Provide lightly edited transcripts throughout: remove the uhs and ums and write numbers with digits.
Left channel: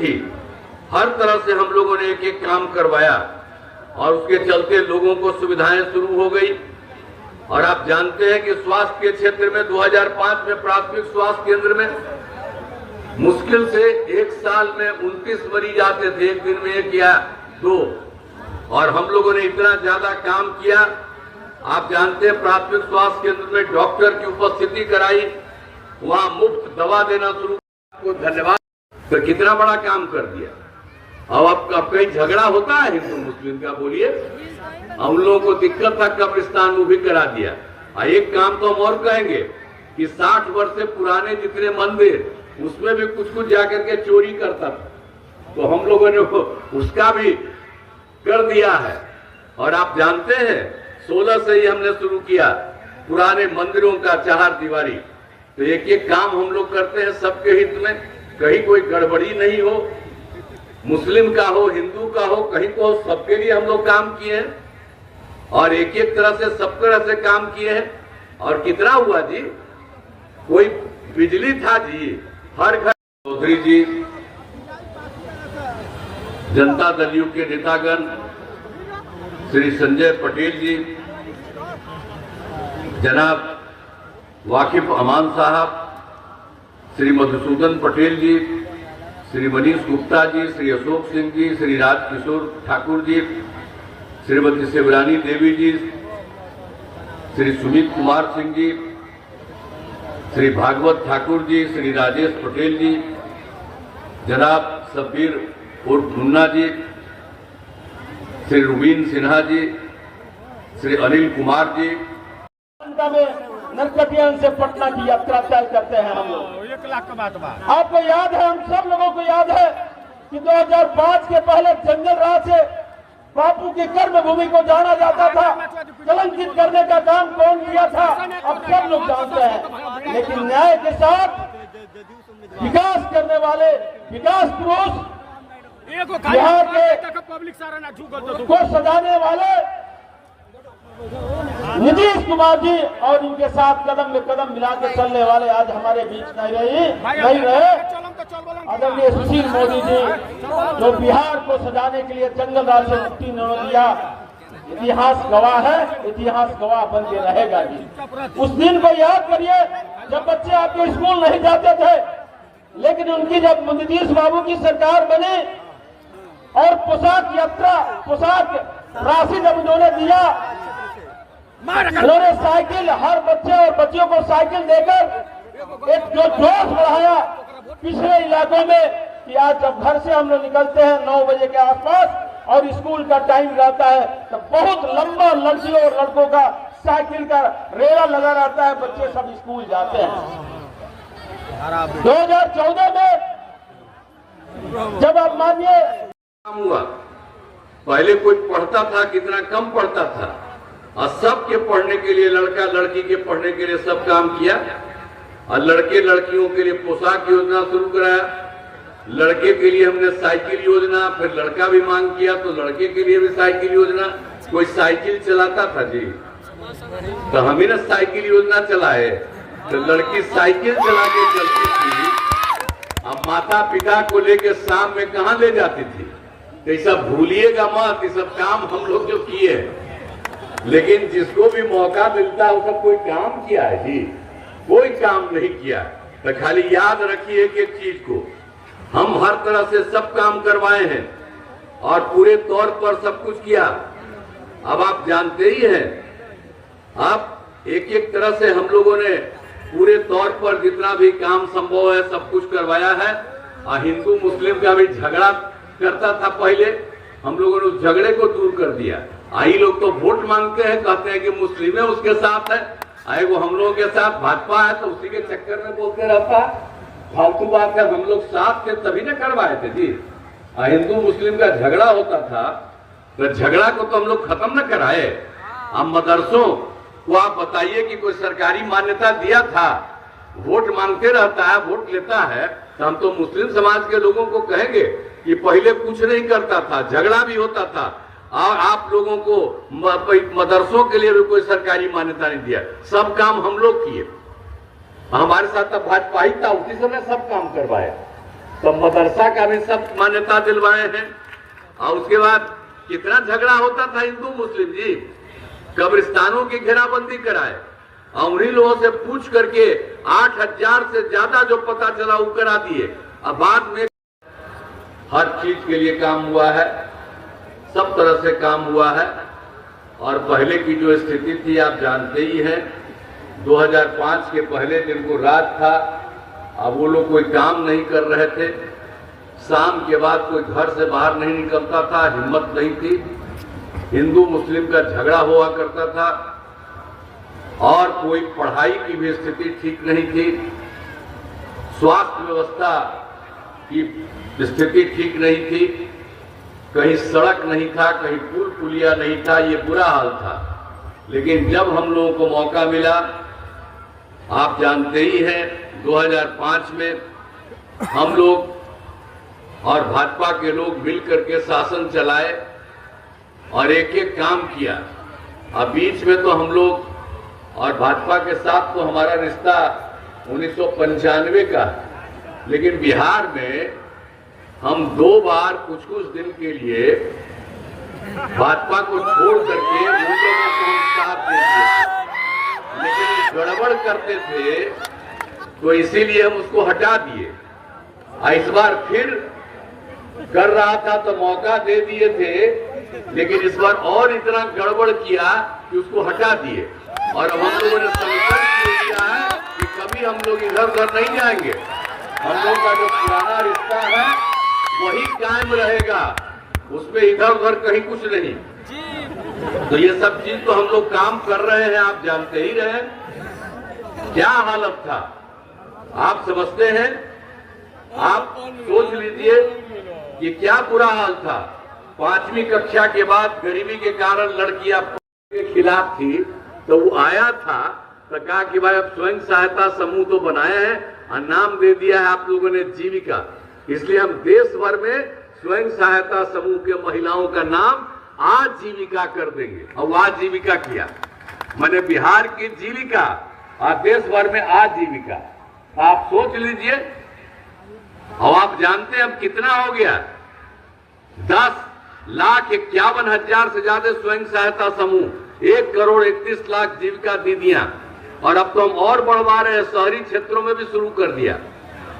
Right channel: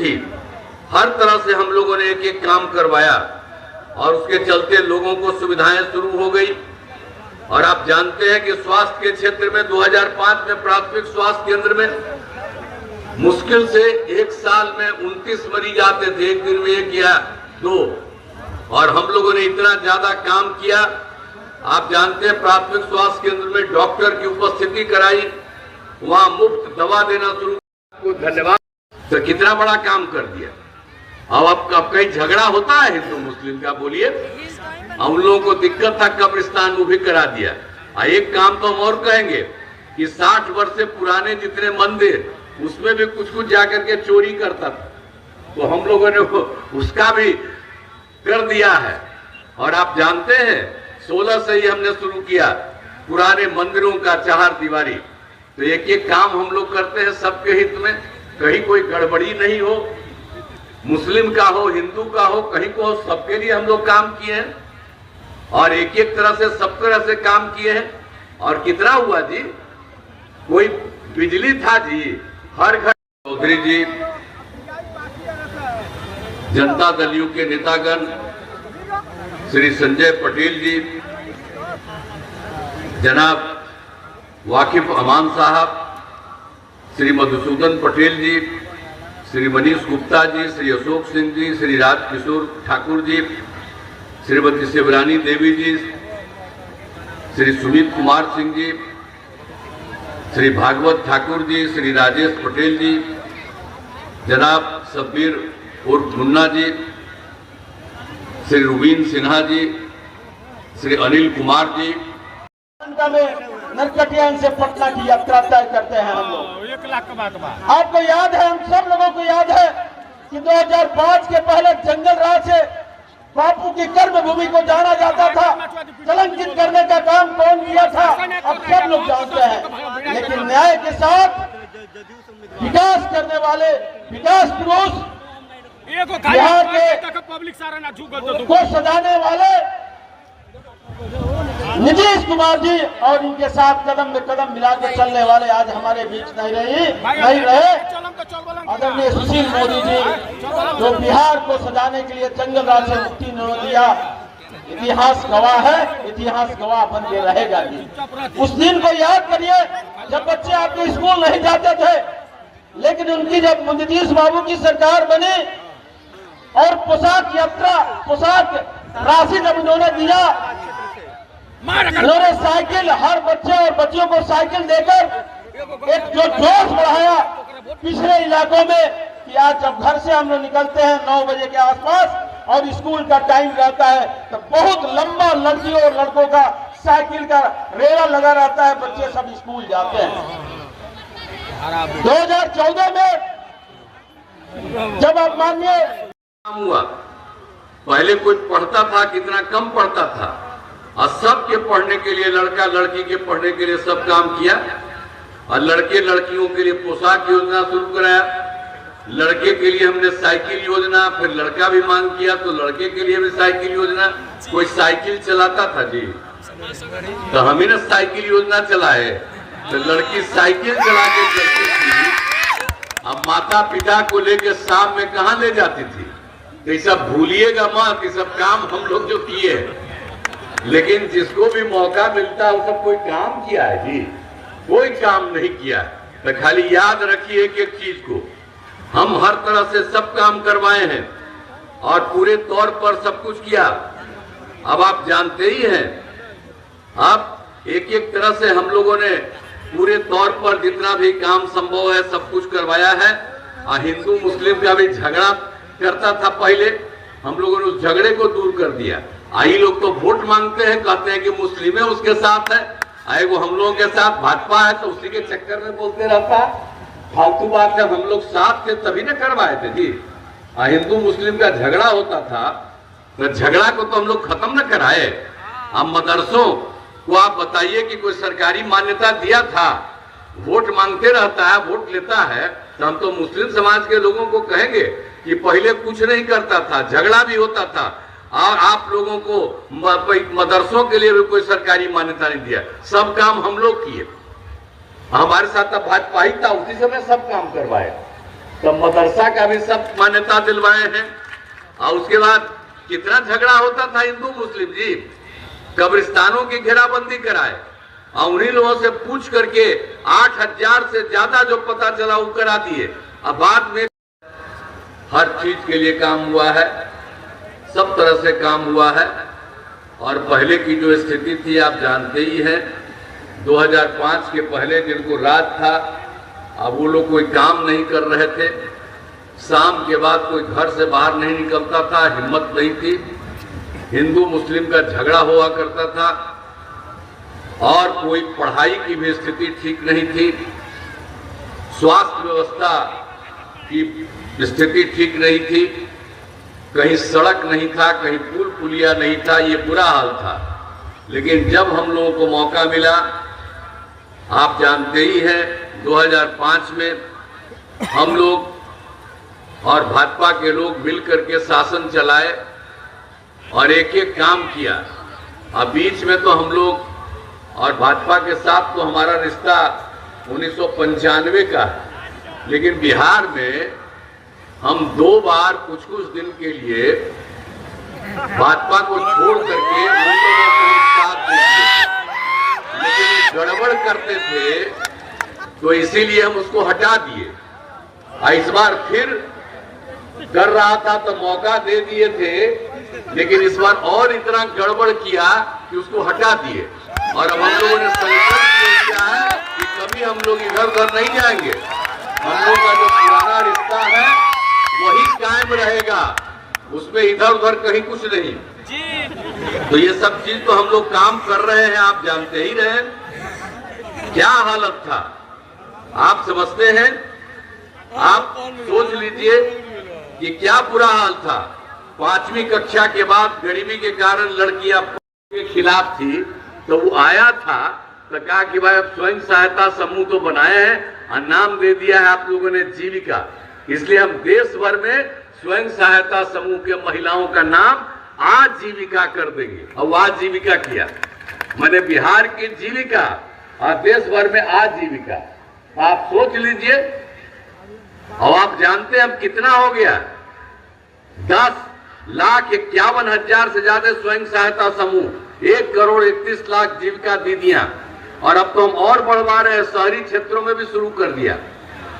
थी, हर तरह से हम लोगों ने एक एक काम करवाया और उसके चलते लोगों को सुविधाएं शुरू हो गई। और आप जानते हैं कि स्वास्थ्य के क्षेत्र में 2005 में प्राथमिक स्वास्थ्य केंद्र में मुश्किल से एक साल में 29 मरीज आते थे, एक दिन में 1 या 2, और हम लोगों ने इतना ज्यादा काम किया। आप जानते हैं प्राथमिक स्वास्थ्य केंद्र में डॉक्टर की उपस्थिति कराई, वहां मुफ्त दवा देना शुरू किया। धन्यवाद। तो कितना बड़ा काम कर दिया। अब कहीं झगड़ा होता है हिंदू मुस्लिम का, बोलिए। हम लोगों को दिक्कत था, कब्रिस्तान वो भी करा दिया। एक काम तो हम और कहेंगे कि 60 वर्ष से पुराने जितने मंदिर उसमें भी कुछ कुछ जाकर के चोरी करता था, तो हम लोगों ने उसका भी कर दिया है। और आप जानते हैं 16 से ही हमने शुरू किया पुराने मंदिरों का 4 दीवारी। तो एक एक काम हम लोग करते हैं सबके हित में, कहीं कोई गड़बड़ी नहीं हो, मुस्लिम का हो, हिंदू का हो, कहीं को हो, सबके लिए हम लोग काम किए हैं और एक एक तरह से सब तरह से काम किए हैं। और कितना हुआ जी, कोई बिजली था जी हर घर। चौधरी जी, जनता दल यू के नेतागण, श्री संजय पटेल जी, जनाब वाकिफ अमान साहब, श्री मधुसूदन पटेल जी, श्री मनीष गुप्ता जी, श्री अशोक सिंह जी, श्री राजकिशोर ठाकुर जी, श्रीमती शिवरानी देवी जी, श्री सुमित कुमार सिंह जी, श्री भागवत ठाकुर जी, श्री राजेश पटेल जी, जनाब सब्बीर उर्फ मुन्ना जी, श्री रुबीन सिन्हा जी, श्री अनिल कुमार जी। नरकटियागंज से पटना की यात्रा तय करते हैं हम लोग। 1 लाख का बात बा। आपको याद है, हम सब लोगों को याद है कि 2005 के पहले जंगल राज से बापू की कर्म भूमि को जाना जाता था। कलंकित करने का काम कौन किया था अब सब लोग जानते हैं। लेकिन न्याय के साथ विकास करने वाले विकास पुरुष, बिहार के पब्लिक सारा को सजाने वाले नीतीश कुमार जी और इनके साथ कदम में कदम मिला के चलने वाले आज हमारे बीच नहीं रहे आदरणीय सुशील मोदी जी, जो बिहार को सजाने के लिए जंगल राज से मुक्ति न दिया। इतिहास गवाह है, इतिहास गवाह बन के रहेगा जी। उस दिन को याद करिए जब बच्चे आपके स्कूल नहीं जाते थे, लेकिन उनकी जब नीतीश बाबू की सरकार बनी और पोशाक यात्रा, पोशाक राशि जब उन्होंने दिया, उन्होंने साइकिल हर बच्चे और बच्चियों को साइकिल देकर एक जो जोश बढ़ाया पिछले इलाकों में कि आज जब घर से हम लोग निकलते हैं 9 बजे के आसपास और स्कूल का टाइम रहता है तो बहुत लंबा लड़कियों और लड़कों का साइकिल का रेला लगा रहता है, बच्चे सब स्कूल जाते हैं। 2014 में जब आप मानिए हुआ, पहले कोई पढ़ता था, कितना कम पढ़ता था, और सबके पढ़ने के लिए, लड़का लड़की के पढ़ने के लिए सब काम किया। और लड़के लड़कियों के लिए पोशाक योजना शुरू कराया, लड़के के लिए हमने साइकिल योजना, फिर लड़का भी मांग किया तो लड़के के लिए भी साइकिल योजना। कोई साइकिल चलाता था जी तो हम ही ना साइकिल योजना चलाए, तो लड़की साइकिल चला के चलती थी। अब माता पिता को लेके शाम में कहाँ ले जाती थी, तो ये सब भूलिएगा मत, ये सब काम हम लोग जो किए। लेकिन जिसको भी मौका मिलता है वो सब कोई काम किया है जी, कोई काम नहीं किया। तो खाली याद रखिए कि एक चीज को, हम हर तरह से सब काम करवाए हैं और पूरे तौर पर सब कुछ किया। अब आप जानते ही हैं, अब एक एक तरह से हम लोगों ने पूरे तौर पर जितना भी काम संभव है सब कुछ करवाया है। और हिंदू मुस्लिम का भी झगड़ा करता था पहले, हम लोगों ने उस झगड़े को दूर कर दिया। आई लोग तो वोट मांगते हैं, कहते हैं कि मुस्लिम है उसके साथ है, आए वो हम लोगों के साथ भाजपा है तो उसी के चक्कर में बोलते रहता है। फालतू बात है, हम लोग साथ थे तभी ना करवाए थे जी। हिंदू मुस्लिम का झगड़ा होता था तो झगड़ा को तो हम लोग खत्म न कराए। अब मदरसों को आप बताइए कि कोई सरकारी मान्यता दिया था, वोट मांगते रहता है, वोट लेता है, तो हम तो मुस्लिम समाज के लोगों को कहेंगे कि पहले कुछ नहीं करता था, झगड़ा भी होता था और आप लोगों को मदरसों के लिए भी कोई सरकारी मान्यता नहीं दिया। सब काम हम लोग किए, हमारे साथ भाजपा ही था, उसी समय सब काम करवाए। तो मदरसा का भी सब मान्यता दिलवाए हैं। और उसके बाद कितना झगड़ा होता था हिंदू मुस्लिम जी, कब्रिस्तानों की घेराबंदी कराए और उन्हीं लोगों से पूछ करके 8,000 से ज्यादा जो पता चला वो करा दिए। अब बाद में हर चीज के लिए काम हुआ है, सब तरह से काम हुआ है। और पहले की जो स्थिति थी आप जानते ही हैं, 2005 के पहले दिन को रात था, अब वो लोग कोई काम नहीं कर रहे थे, शाम के बाद कोई घर से बाहर नहीं निकलता था, हिम्मत नहीं थी, हिंदू मुस्लिम का झगड़ा हुआ करता था और कोई पढ़ाई की भी स्थिति ठीक नहीं थी, स्वास्थ्य व्यवस्था की स्थिति ठीक नहीं थी, कहीं सड़क नहीं था, कहीं पुल पुलिया नहीं था, ये बुरा हाल था। लेकिन जब हम लोगों को मौका मिला, आप जानते ही हैं 2005 में हम लोग और भाजपा के लोग मिलकर के शासन चलाए और एक एक काम किया। अब बीच में तो हम लोग और भाजपा के साथ तो हमारा रिश्ता 1995 का है, लेकिन बिहार में हम 2 बार कुछ दिन के लिए भाजपा को छोड़ करके मुंबई में साथ दे दिए, लेकिन गड़बड़ करते थे तो इसीलिए हम उसको हटा दिए। इस बार फिर कर रहा था तो मौका दे दिए थे, लेकिन इस बार और इतना गड़बड़ किया कि उसको हटा दिए। और अब हम लोगों ने संकल्प किया है कि कभी हम लोग इधर उधर नहीं जाएंगे, हम लोग का जो पुराना रिश्ता है वही कायम रहेगा, उसमें इधर उधर कहीं कुछ नहीं। तो ये सब चीज तो हम लोग काम कर रहे हैं, आप जानते ही रहे क्या हालत था, आप समझते हैं। आप सोच लीजिए कि क्या बुरा हाल था। 5वीं कक्षा के बाद गरीबी के कारण लड़कियां के खिलाफ थी, तो वो आया था तो कहा कि भाई अब स्वयं सहायता समूह तो बनाए हैं और नाम दे दिया है आप लोगों ने जीविका, इसलिए हम देश भर में स्वयं सहायता समूह के महिलाओं का नाम आजीविका कर देंगे। और आजीविका किया, मैंने बिहार की जीविका और देश भर में आजीविका। आप सोच लीजिए। और आप हैं अब कितना हो गया, 10,51,000 से ज्यादा स्वयं सहायता समूह, 1,31,00,000 जीविका दीदियां। और अब तो हम और बढ़वा रहे हैं, शहरी क्षेत्रों में भी शुरू कर दिया।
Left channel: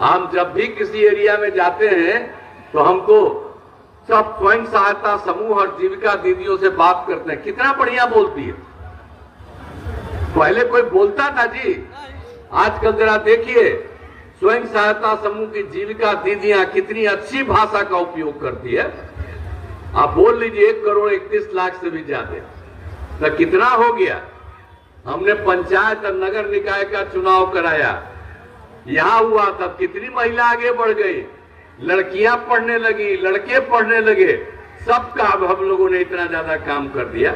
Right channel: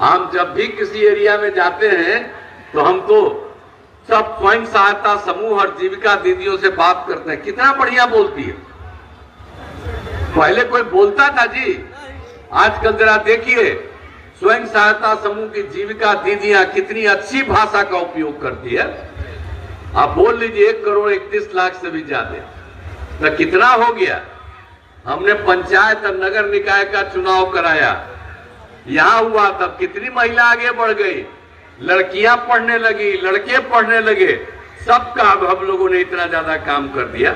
हम जब भी किसी एरिया में जाते हैं तो हम तो सब स्वयं सहायता समूह और जीविका दीदियों से बात करते हैं, कितना बढ़िया बोलती है। पहले कोई बोलता था जी, आजकल जरा देखिए स्वयं सहायता समूह की जीविका दीदियां कितनी अच्छी भाषा का उपयोग करती है। आप बोल लीजिए 1,31,00,000 से भी ज्यादा, तो कितना हो गया। हमने पंचायत और नगर निकाय का चुनाव कराया, यहां हुआ तब कितनी महिला आगे बढ़ गई, लड़कियां पढ़ने लगी, लड़के पढ़ने लगे, सबका अब हम लोगों ने इतना ज्यादा काम कर दिया।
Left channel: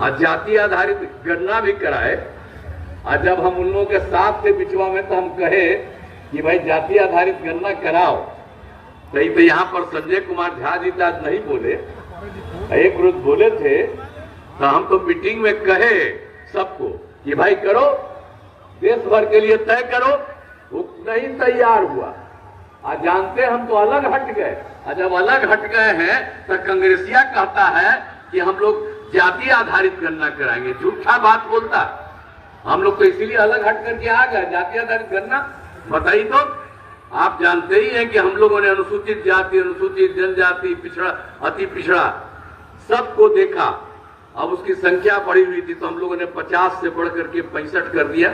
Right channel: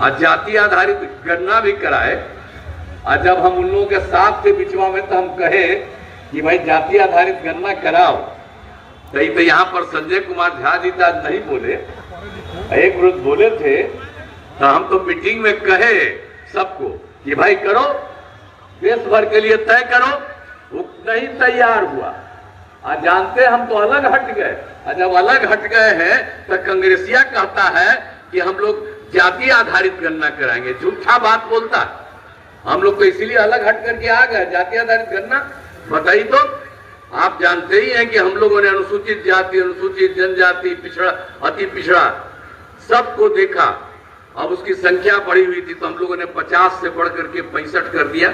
और जाति आधारित गणना भी कराए। और जब हम उन लोगों के साथ थे बिचवा में तो हम कहे कि भाई जाति आधारित गणना कराओ, कहीं तो यहाँ पर संजय कुमार झा जी आज नहीं बोले, एक वृद्ध बोले थे, तो हम तो मीटिंग में कहे सबको कि भाई करो, देश भर के लिए तय करो, वो नहीं तैयार हुआ। आज जानते हम तो अलग हट गए। और जब अलग हट गए हैं तो कांग्रेसिया कहता है कि हम लोग जाति आधारित गणना कराएंगे, झूठा बात बोलता। हम लोग तो इसीलिए अलग हट करके आ गए, जाति आधारित गणना बताइए। तो आप जानते ही हैं कि हम लोगों ने अनुसूचित जाति, अनुसूचित जनजाति, पिछड़ा, अति पिछड़ा सबको देखा। अब उसकी संख्या बढ़ी हुई थी तो हम लोगों ने 50 से बढ़ करके 65 कर दिया।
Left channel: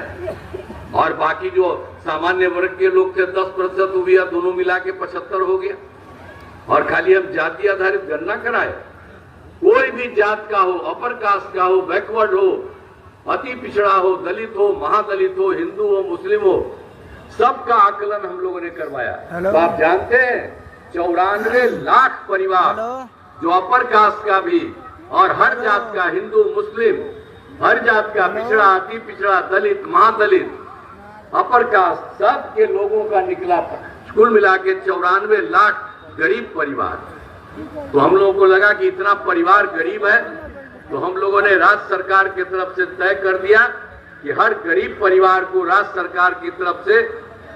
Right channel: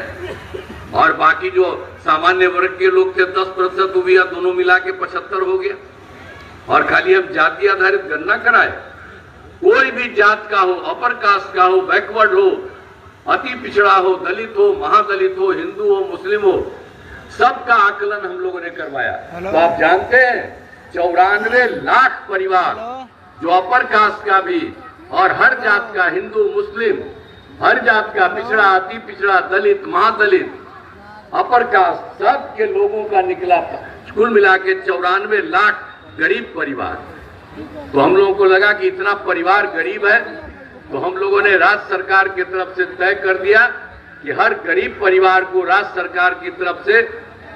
और बाकी जो सामान्य वर्ग के लोग थे 10% हो गया, दोनों मिला के 75 हो गया। और खाली हम जाति आधारित गणना कराए, कोई भी जात का हो, अपर कास्ट का हो, बैकवर्ड हो, अति पिछड़ा हो, दलित हो, महादलित हो, हिंदू हो, मुस्लिम हो, सबका आकलन हम लोगों ने करवाया। तो आप जानते हैं 94 लाख परिवार जो अपर कास्ट का भी और हर जात का, हिंदू मुस्लिम, हर जात का, पिछड़ा, अति पिछड़ा, दलित, महादलित, अपर कास्ट, सब के लोगों का निकला कुल मिला के 94 लाख गरीब परिवार। तो हम लोगों को लगा कि इतना परिवार गरीब है, तो हम लोगों ने राज्य सरकार की तरफ से तय कर दिया कि हर गरीब परिवार को राज्य सरकार की तरफ से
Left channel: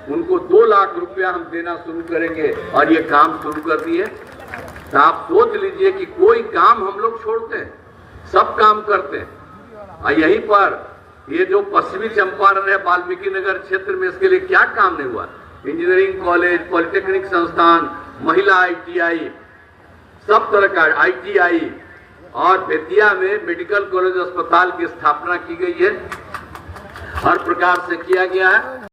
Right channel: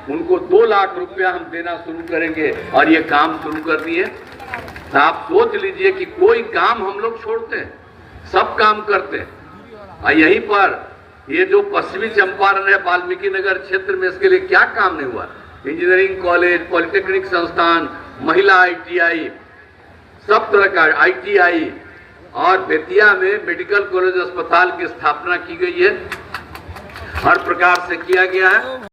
उनको 2 लाख रुपया हम देना शुरू करेंगे और ये काम शुरू कर दिए। तो आप सोच लीजिए कि कोई काम हम लोग छोड़ते हैं, सब काम करते हैं। और यहीं पर ये जो पश्चिमी चंपारण है वाल्मीकि नगर क्षेत्र में, इसके लिए क्या काम नहीं हुआ? इंजीनियरिंग कॉलेज, पॉलिटेक्निक संस्थान, महिला ITI, सब तरह का ITI और बेतिया में मेडिकल कॉलेज अस्पताल की स्थापना की गई है, हर प्रकार से किया गया है।